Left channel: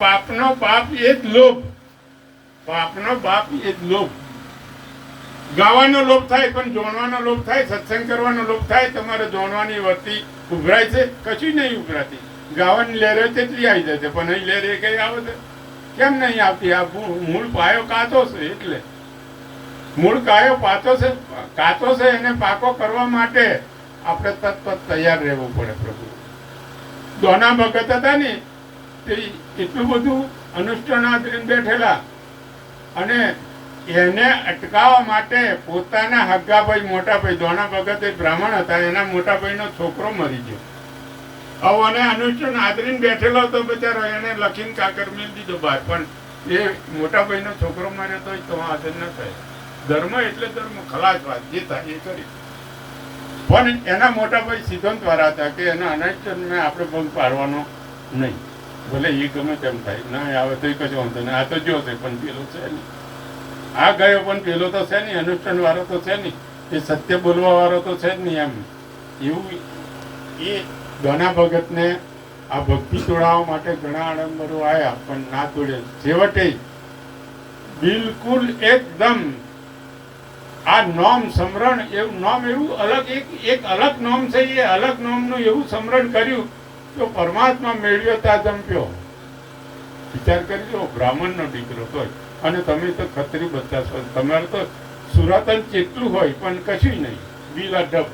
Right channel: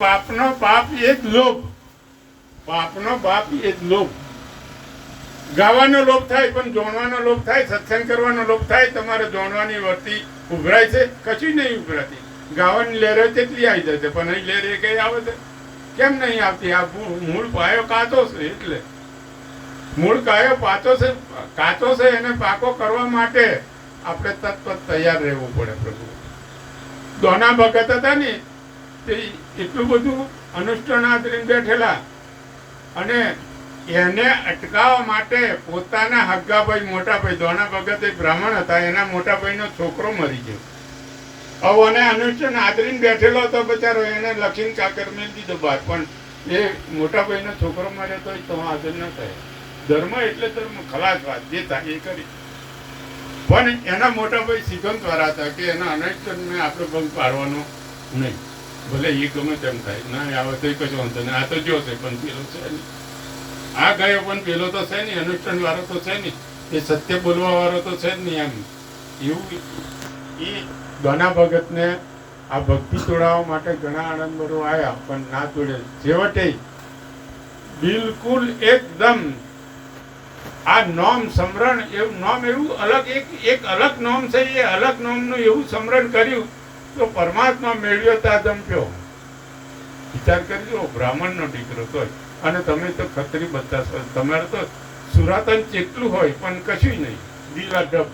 પાપનો પાપ એ જ લોભ. પાપનો પાપ એ જ લોભ. ગાવાનો લોભ થાય, પણ જોણવાનો લોભ થાય, સત્સંગ કરવાનો લોભ થાય, તમારે જોણવાની વર્તી ઉભરાય છે? કશું નહીં ઉભરાતી. ગાવાની લહેરે કેટલી આવી જાય છે? પણ અહીં લહેરે કઈ આવે છે? કેમ નહીં આવતી? આ મૂળ પાયો કાતો છે એટલે. મૂળ કાયો પાતો છે, કાતો છે એને પાકો કરવા માટે આપણે તત્વ તૈયાર રહેવું પડે પ્રભુ. દોના ભગત હતા ને તે એટલું બધું અનુષ્ઠાનાથરીને બેઠેલા. અને એને અટકાવવા માટે પોતાના હગ્ગાભાઈ મોટાભાઈ દોણા ભગત એક બ્રાહ્મણ હતા, એના મોટાભાઈનો છોકરો મરી ગયો. આવો અને અનુષ્ઠાન આદરીને બેઠેલો હતો બચારો, એને લખીને કાકર મેળ દીધો બહાર. પણ એ મોટાભાઈનો છોકરો મર્યો તો તો હાજર ન થાય. ધર્મ એટલે ધર્મ, ખલાસ વાત, જે થાય એ કરી. પણ એના મોટાભાઈ સિદ્ધાંત વાળા હતા કે એના અનુષ્ઠાનને આપણે ભંગ પાડવાનો નહીં. ભલે એ ગમે તેમ થાય. ના આવે તો કશું વાંધો નહીં. આ તો જો છે, પણ પેલો છે નહીં. આ ગયો, પણ પેલો તો છે નહીં. અનુષ્ઠાન વાળો તો છે નહીં. એ સત્ય બોલવા વાળો તો છે જ નહીં એમ. એવું એ ઘણા ભગતને આ ભક્તિ તોડાવવા માટે ઘણા આડંબરો આવ્યા પણ ના તોડે. છેવટે બિલકુલ એકદમ આ નોમ સમરણ એવું, નોમ એવું અલગ, એક એક અલગ નોમ છે, એ અલગ નોમનું એવું સમરણ કર્યું તો પરમાત્મા મેળ્યો તા જંપ્યો વિચાર કરી લો બ્રાહ્મણનો દીકરો તોય. અને તમે તો ખત્રી બધા છો. તમારે તો સુરાતન ચેટલું હોય, પણ કશું નહીં. દિલા ઢબ.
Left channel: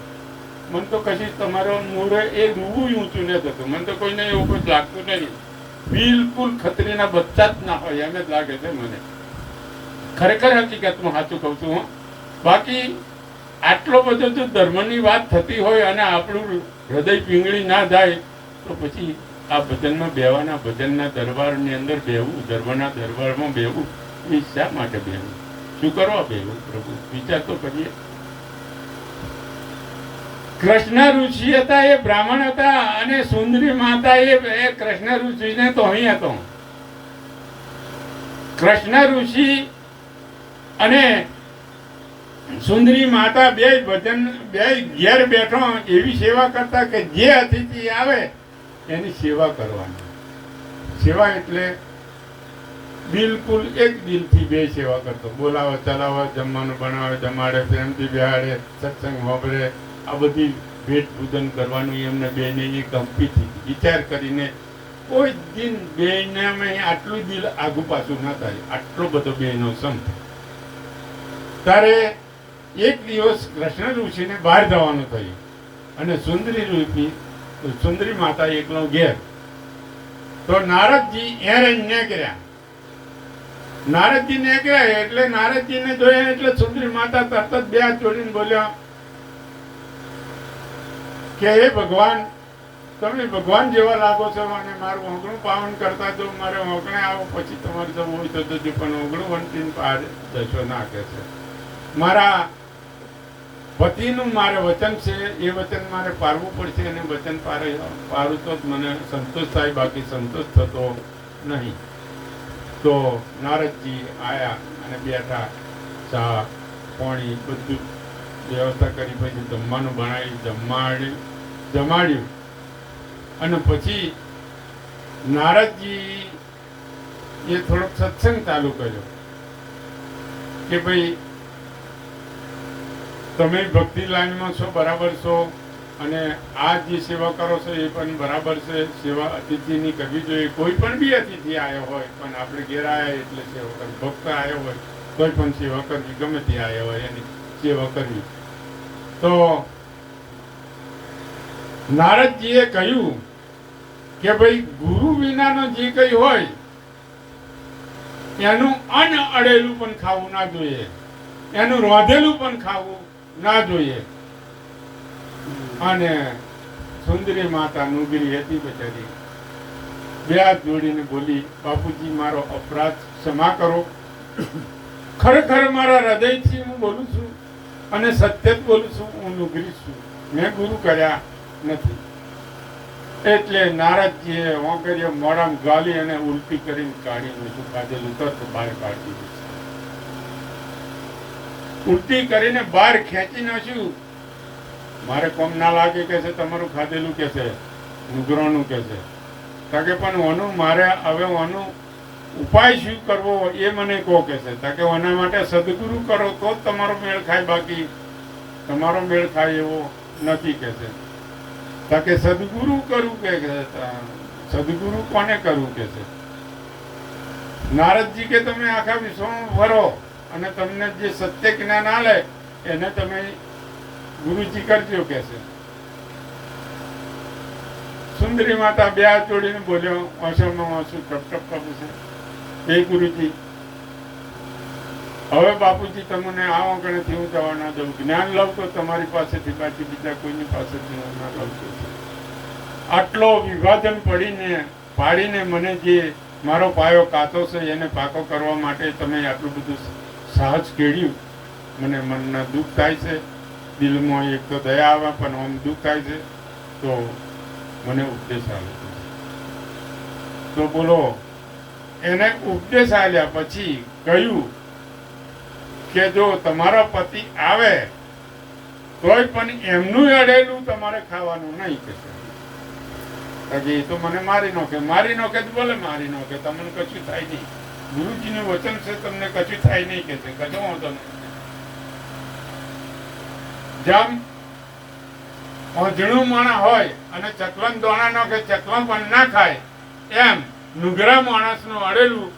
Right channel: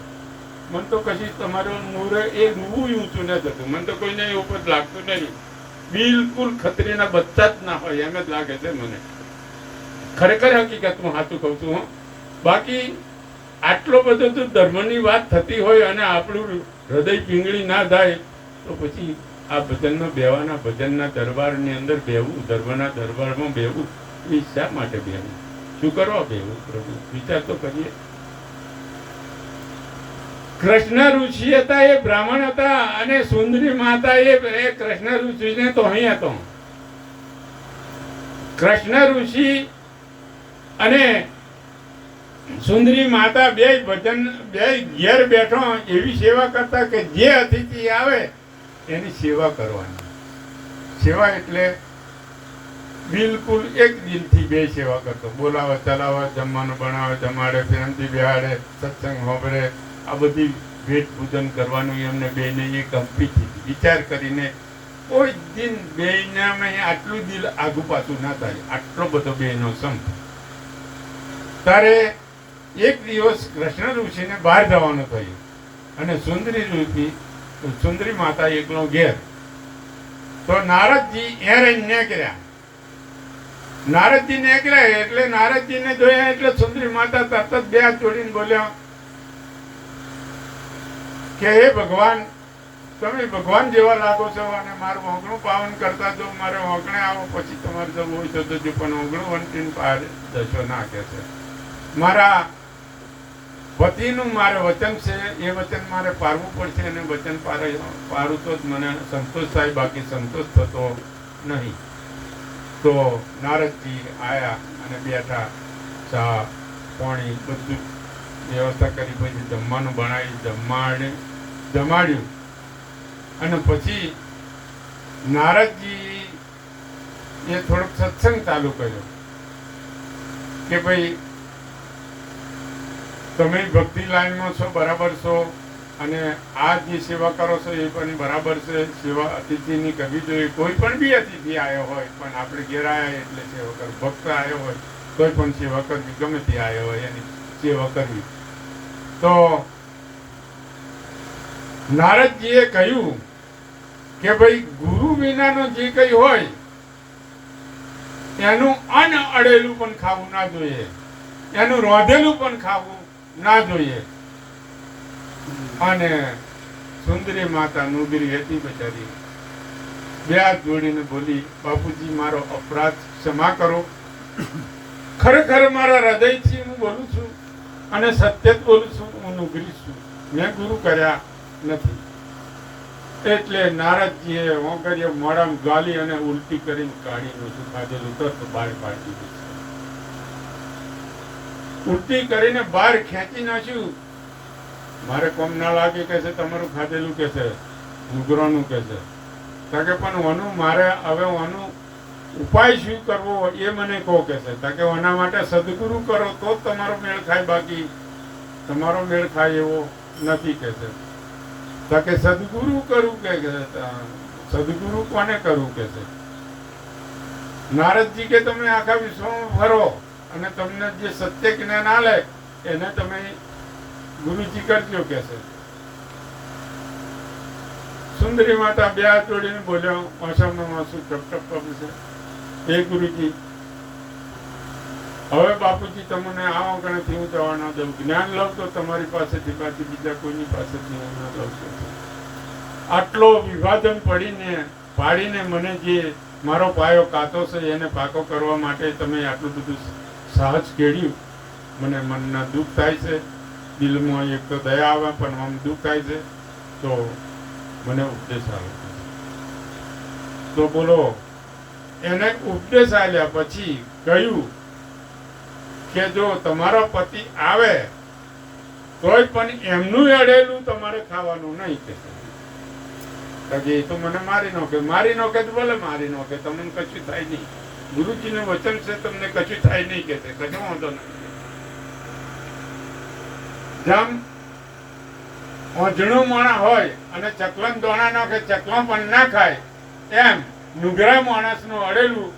મને તો કશી તમારો નૂરે એ રૂવું ઊંચું ન થતું. મને તો કોઈને એવું કોઈ લાગતું નહીં. બિલકુલ ખત્રીના બચ્ચા જ ના હોય, એમ જ લાગે છે મને. ખરેખર હકીકતમાં સાચું કહું છું, હું. બાકી આટલો બધો જો ધર્મની વાત થતી હોય અને આપણું હૃદય પીંગળી ના થાય તો પછી આ ભજનમાં બેવાના ભજનના દરબારની અંદર બેવું, ધર્મના દરબારમાં બેવું, એ શા માટે બેવું? શું કરવા બેવું પ્રભુ? વિચાર તો કરીએ. કૃષ્ણ ઋષિ હતા, એ બ્રાહ્મણ હતા અને સુંદરી માતા એ કૃષ્ણ ઋષિને તો અહીં હતો. કૃષ્ણ ઋષિ અને સુંદરી માતા બે ભજન, બે ઘેર બેઠો એવી સેવા કરતા કે જે અતિથિ આવે એની સેવા કરવાની. સેવા એટલે બિલકુલ એક દિલથી બે સેવા કરતો. બોલાવે, ચલાવે, જમવાનું બનાવે, જમાડે, પ્રેમથી બિહાડે, સત્સંગ વાપરે આ બધી ભેટ પૂજન કરવાનું એમને બેને એ ગમતી હતી વિચાર કરીને કોઈ દિન બેનામાં આટલું દિલ આગુ પાછું ના થાય. આટલો બધો બેનો સંપ. ત્યારે એક દિવસ કૃષ્ણ ઋષિને બહાર જવાનું થયું. અને સુંદરી ઋષિ સુંદરી માતા એકલો ઘેર. તો નારદજી એ નીકળ્યા. નારદજી નીકળ્યા એટલે નારદજીને જોયા એટલે સુંદરી માતા તરત બે જોડીને બોલ્યો, કે હે ભગવાન, તમે ભગવાન જેવા લાગો છો અને મારું ઓગણું પાવન કરતા જો મારે ઓગણે આવો, પછી તમારે જવું હોય તો જજો, પણ ઓગણું વંટીને પાર જશો ના, કે છે. મારા પતિનું મારે વચન છે, એ વચન મારે પારવું પડશે અને વચન પારે પારું તો જ મને સંતોષ થાય, બાકી સંતોષ થતો નહીં. તો નારદજી આયા અને બેઠા, ચા, પાણી બધું વ્યવસ્થા કરી, પછી જમવાનું બનાવી જમાડ્યું જમાડ્યું. અને પછી નારદજી એ થોડોક સત્સંગ ચાલુ કર્યો કે ભાઈ તમે ભક્તિ લાઈનમાં છો, બરાબર છો, અને આ જે સેવા કરો છો એ પણ બરાબર છે. સેવા અતિથિની કરવી જોઈએ, કોઈ પણ બી અતિથિ આવ્યો હોય, પણ આપણે ઘેર આવ્યા એટલે સેવા કરવી ભક્ત આવ્યો હોય, કોઈ પણ સેવા કરવી ગમે તે આવ્યો હોય, એની સેવા કરવી. તો નારદજીએ કહ્યું કે ભાઈ, ગુરુ વિનાનો જે કઈ હોય, એનું અનઅડેલું પણ ખાવું ના જોઈએ. એનું રોધેલું પણ ખાવું ના જોઈએ. અને સુંદરી માતા નુગરી હતી બચારી. બે હાથ જોડીને બોલી, બાપુજી, મારો અપરાધ ક્ષમા કરો. ખરેખર મારા હૃદયથી હું બોલું છું અને સત્ય જ બોલું છું, હું નુગરી છું. મેં ગુરુ કર્યા નથી. એટલે નારદજીએ ઓંકરીઓ મોડામાં ગાલી અને ઉલટી કરીને કાઢી મૂક્યું ખાધેલું તરત બહાર પાડી દીધું ઉલટી કરીને બહાર ખેંચી નાખ્યું. મારે કોમ ના લાગે કે છે, તમારું ખાધેલું કે છે નુગરાનું કે છે. તાકે પણ ઓનું મારે હવે ઓનું ઉપાય શું કરવો એ મને કહો કે છે. તાકે ઓના માટે સદગુરુ કરો તો જ તમારો મેળ ખાય, બાકી તમારો મેળ ખાય એવો નથી કે છે. તાકે સદગુરુ કરું કે, સદગુરુ કોને કરવું કે છે? નારદજી કે, તમે આખા વિશ્વમાં ફરો. અને તમને જે સત્ય જ્ઞાન આલે, એને તમે ગુરુજી કરજો કે સુંદરી માતા બે હાથ જોડીને બોલ્યો, ઓછામાં ઓછું ટપ ટપ છે. એ ગુરુજી, હવે બાપુજી તમને આ ઓગણેથી હું જવા ના દઉં. જ્ઞાન લઉં તો તમારી પાસેથી બાકી બીજા કોઈની પાસેથી હું ના લઉં છું. આટલો વિભાજન પડીને, પાડીને મને જે મારો પાયો કાચો છે એને પાકો કરવા માટે તમે આટલું બધું સાહસ કેળ્યું. મને મનને દુઃખ થાય છે. દિલમાં એક તો દયા આવે, પણ આમ દુઃખ થાય છે. તો મને ઉપદેશ આવ્યો તો બોલો, એને ઉપદેશ આપ્યા પછી કહ્યું કે જો તમારો પતિ આવે, તોય પણ એમનું અડેલું તમારે ખાવાનું નહીં કે એ તો મને મારી નાખે. મારી નાખે તો ભલે મારી નાખે, તમને કશું થાય નહીં. ગુરુજીનું વચન છે, તમને કશું થાય નહીં કે કશો વાંધો નહીં જેમ ઓજણું માણા હોય અને ચકલન દોણા ન કે ચકલમ પણ ના ખાય, એમ નુગરા માણસનું અડેલું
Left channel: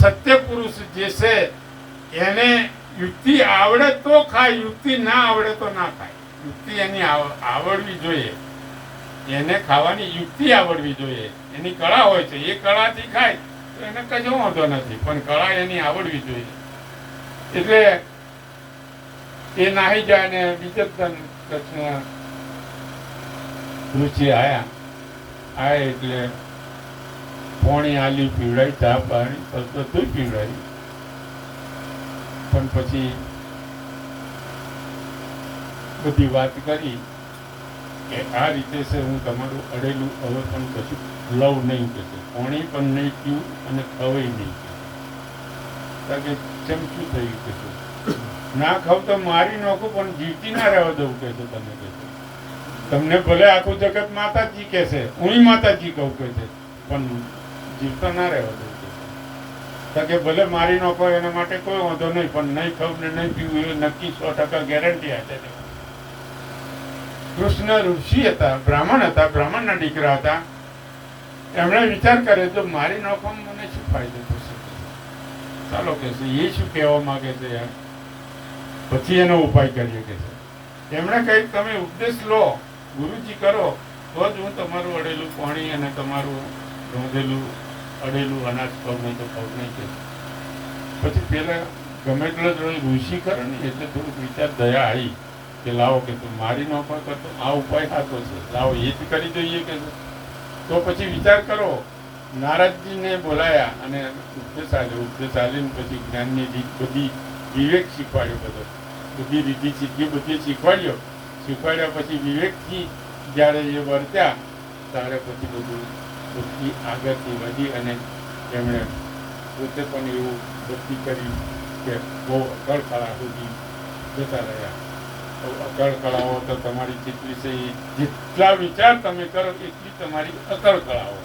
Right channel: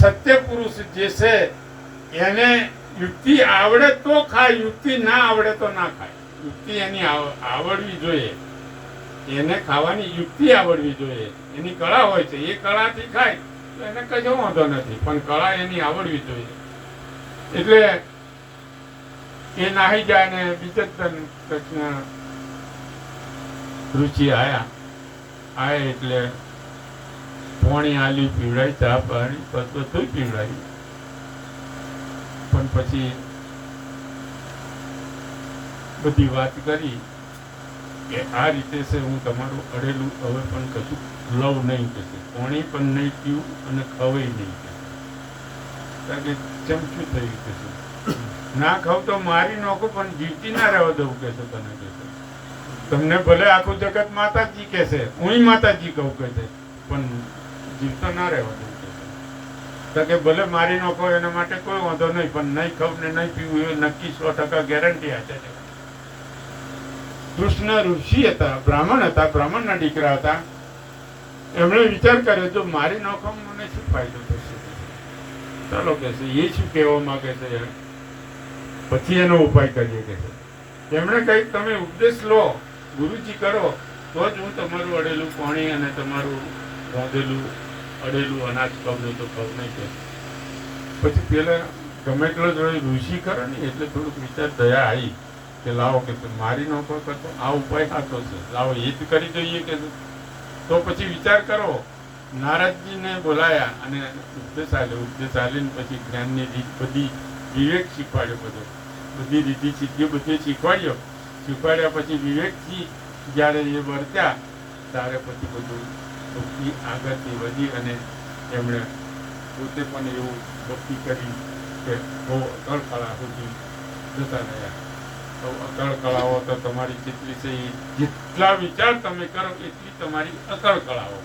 સત્ય પુરુષ જે છે, એને યુક્તિ આવડે તો ખાય, યુક્તિ ના આવડે તો ના ખાય. યુક્તિ એની આવડવી જોઈએ. એને ખાવાની યુક્તિ આવડવી જોઈએ. એની કળા હોય છે. એ કળાથી ખાય. એને કશો વાંધો નથી, પણ કળા એની આવડવી જોઈએ. એટલે એ નાહી જાય ને બીજે રુચિ આયા. આયા એટલે પોણી આલી પીવડાવી ચા પાણી બધું પીવડાવી પણ પછી બધી વાત કરી કે આ રીતે છે હું તમારું અડેલું હવે પણ કશું લવ નહીં કે છે પાણી નહીં પીવું અને ખવાય નહીં કે ચમચું થયું કે ના ખાવ તો મારી નાખું, પણ જીવતી ના રહેવા દઉં કે તને કે તમને ભલે આખું જગત માતાજી કે હું માતાજી કહું કે પણ જીવતા ના રહેવા દઉં કે ભલે મારી નોકો એના માટે કોઈ વાંધો નહીં, પણ નહીં ખાવ ને નહીં પીવું એ નક્કી સો ટકા ગેરંટી આપે કૃષ્ણ ઋષિ હતા, બ્રાહ્મણ હતા, બ્રાહ્મણના દીકરા હતા. એમણે વિચાર કર્યો તો મારી નોખામાં મને શું ફાયદો થશે? ચાલો કે એ શું કહેવા માગે છે યાર? પછી એનો ઉપાય કરીએ કે એમણે કહ્યું, તમે ઉપદેશ લો, ગુરુજી કરો, તો જ હું તમારું અડેલું પાણી અને તમારું રાંધેલું અડેલું અનાજ નહીં તો ખાવ નહીં કે. પછી પેલા ગમે તેટલો જ ઋષિ કરો ને, એટલે થોડુંક વિચાર દયા આવી કે લાવો કે મારી નોખો કરતો, આ ઉપાય સાચો છે. લાવો, એ જ કરી જોઈએ કે તો પછી વિચાર કરો નારદજીને બોલાયા અને ઉપદેશ આલ્યો ઉપદેશ આવીને પછી જ્ઞાનની રીત બધી વિવેક શીખવાડ્યો બધો. બધી રીતિ સિદ્ધિ બધી શીખવાડ્યો. શીખવાડ્યા પછી વિવેકથી જ્યારે એ વર્ત્યા, ત્યારે પછી બધું બધી આગળથી વધી અને એમણે પોતે પણ એવું ભક્તિ કરી કે બહુ અકળ કળા સુધી જતા રહ્યા. અકળ કળાઓ તો તમારી જેટલી છે જેટલા વિચાર તમે કરો એટલી તમારી અકળ કળાઓ.